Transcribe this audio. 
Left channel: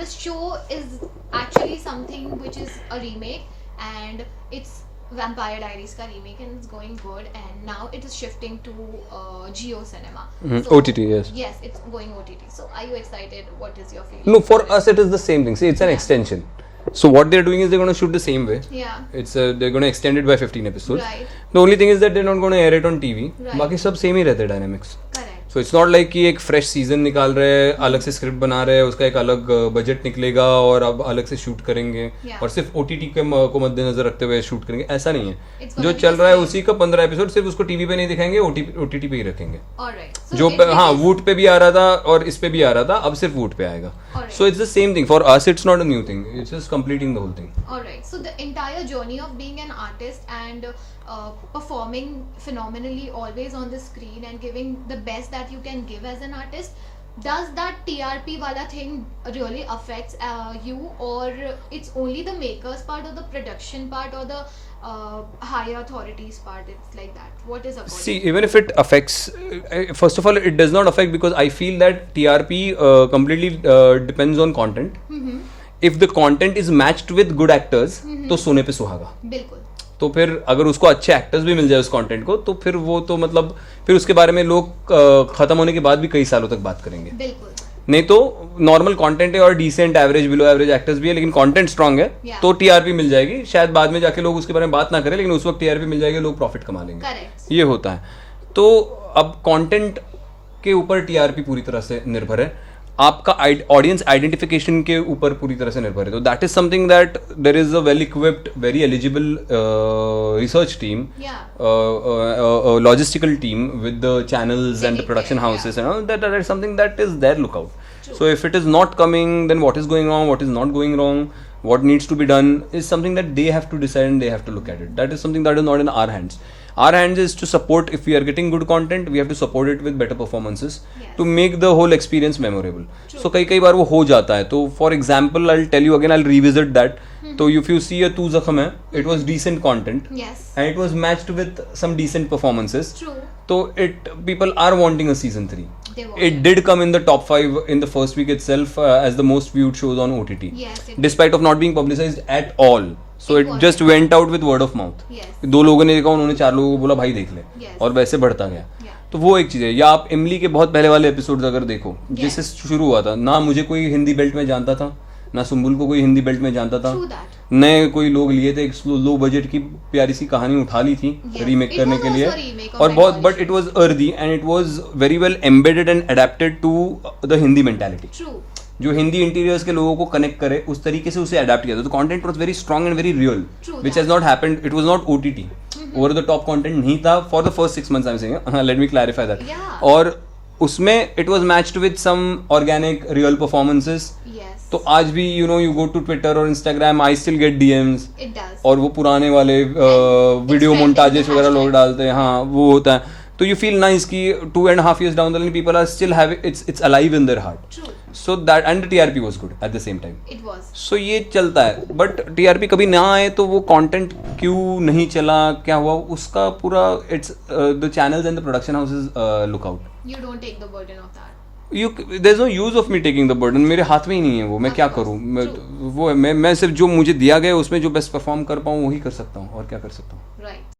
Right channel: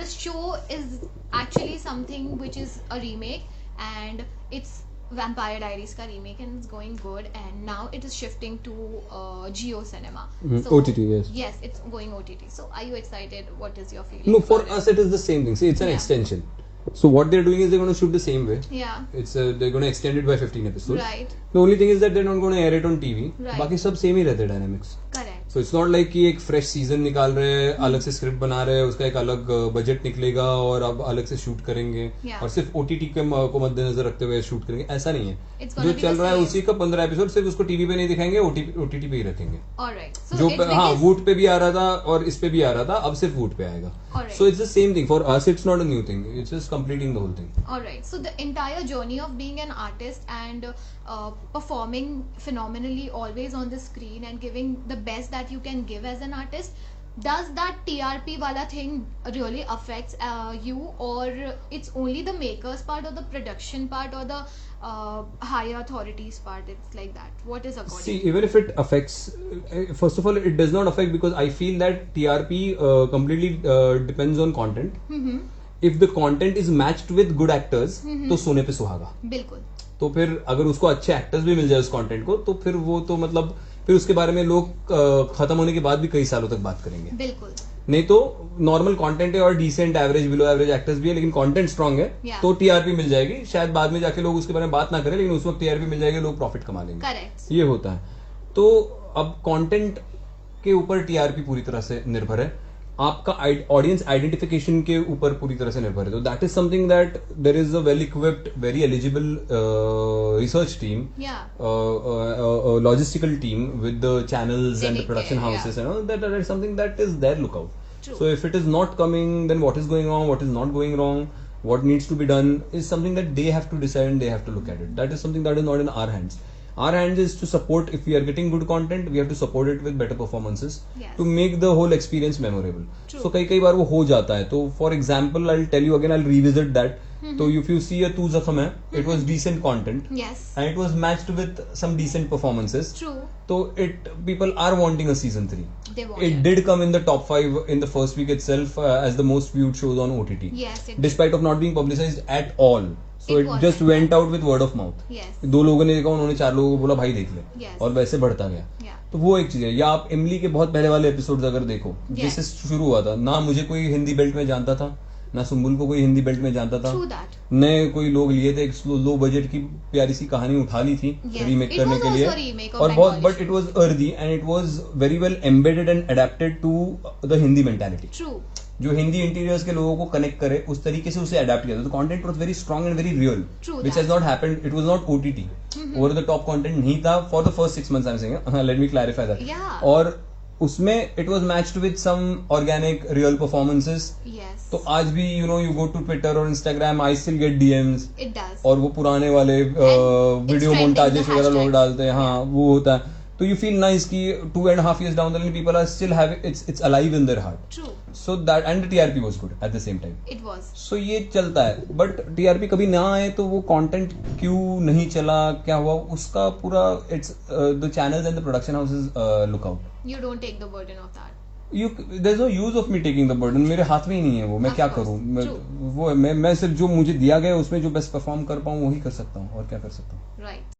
the show is actually something which is a remake, and it's Vampire Diaries का remake, and it's going good, and now it is shifting to Jio Cinema. So, OTT, yes. Yes, it's going OTT. So are you excited? What is your feeling? No, for us it is the same thing. See, it's an extension. So what they're doing is they're going to shoot the same way. Yeah. It's they're going to extend it by 15 episodes. Right. The only thing is that they're not going to air it on TV. Right. बाकी सब same ही रहते हैं dynamics. Correct. So it's not like कि एक fresh season निकाल रहे हैं, अलग से स्क्रिप्ट बना रहे हैं, उसका एक अलग बजट निकलेगा और अब अलग से शूट करेंगे Yeah. और सिर्फ OTT के को मद्देनजर रखते हुए शूट करेंगे, ऐसा नहीं है. It's gonna जो be चल the रहा है same. उसी का 15 एपिसोड सिर्फ उसको टीवी पे नहीं दिखाएंगे, OTT पे ही रखेंगे. Alright. So जो it हाँ released- वूट पे भी आ रहा था और इस पे भी आ रहा था, अब सिर्फ वूट पे आएगा. Alright. So it's the same thing. For us it's not a new thing. It's just completing the whole thing. Alright, so the entire journey of being an artist and performing phenomenally always on the screen and giving the best that you can give as an artist, does that TRP wala thing really affects you, or it's only the makers part or the production part or the higher authorities part? It's like that. What is according? See, even if it affects, first of all, it does not affect because I feel that TRP completely depends on content. If the content is matched with good actors, तो सोने पे सुहागा. बिल्कुल. तो फिर अगर उसको अच्छे एक्टर्स भी मिल जाए उस कंटेंट को, तो फिर वो तो मतलब फिर उसके बारे में लोग खत्म होने के बाद भी कई सालों तक बात करेंगे. बिल्कुल. नहीं तो नॉर्मल कंटेंट है और decent average below average actors भी है, लेकिन कंटेंट स्ट्रांग है, Yeah. तो टीआरपी मिल जाएगी. शायद बाद में जाके लोग उसके बारे में बात ना करें, लेकिन उस वक्त टीआरपी मिल जाएगी, लोग प्रॉफिट कमा लेंगे. Correct. ये होता है. तो अब कंटेंट के ऊपर टीआरपी पूरी तरह से निर्भर है, आपका ऑडियंस आइडेंटिफिकेशन के ऊपर पूरी तरह से निर्भर है. तो that is something that there is a well equipped very eligible research team, Yeah. logistical team with the channels and the Dedicated, production houses yeah. and all that is something that is their lookout. True. So if it is not coming, then what is going wrong, what is not going wrong, what needs to be done is something that they have to decide and they have to look at it. That is something that is not in our hands. Our hands is to support. If we are getting good content, we have to support it with better performances Yes. to make the whole experience memorable. True. So कई बार वो हो जाता है. तो for example, I'll tell you again, I'll revisit that. तो if you see a तू ज़ख्म है, it was decent content. Yes. And it was matched with some decent performances. True. So people are wanting a season 3. They want It did come in the top 5 in the first week itself as the most viewed shows on OTT. Yes. It Despite of not being publicized at all. So It it wasn't. just went out with word of mouth. Yes. 2 लोगों ने देखा, उन्होंने 4 लोगों को बोला भाई देख ले. Yes. और वैसे बढ़ता गया. Yeah. तो वो एक चीज है. या आप इमली के बहुत पहले वाले एपिसोड्स अगर देखो, Yes. जिससे शुरू हुआ था, ना मुझे कोई हिंदी बेल्ट में जानता था, ना सुम्बुल को कोई हिंदी बेल्ट में जानता था. True that. नए कोई लोग लिए थे, एक लो बजट की प्यारी सी कहानी उठा ली थी Yes. रीमेक It करने was के also लिए, a remake of और बहुत Bengali but it was earthy and it was very well embedded and adapted to the Hindi mentality. True. जो हिंदी इंटीरियर्स के लोगों को कनेक्ट करे उस तरीके से उसे अडेप्ट किया था. तो content was very strong and very real, True which that. Has not happened. It was not OTT. Over the top content नहीं था for the first 6 months. I am saying, let me clarify that. Yeah. और उसमें it was matched with some organic real performances. Yes. तो आज भी you go to Twitter और Instagram, I still get DMs. It does. और वो पुराने वाले वीडियो trending, मोन्टाजेस the वगैरह लोग hashtags. डालते हैं. हाँ, वो होता है. तो यू फील नाइस कि 2.5 years down the line people are still having it's alive in their heart. True. So that and the TRP was good at the same time. It was. So ये चलता है. But TRP कभी ना आए तो वो content क्यों नहीं चला, क्या हुआ, उसका पूरा it's the channels and the production houses look out. You don't take the burden of that. There's no use of me taking the burden. मेरे हाथ में ही नहीं है वो. मैं Of क्या course. करूँ. True. वो मैं सिर्फ जो मुझे दिया गया उसमें जो बेस्ट परफॉर्म कर पाऊँ वही कर सकता हूँ, और क्या कर सकता हूँ. Right.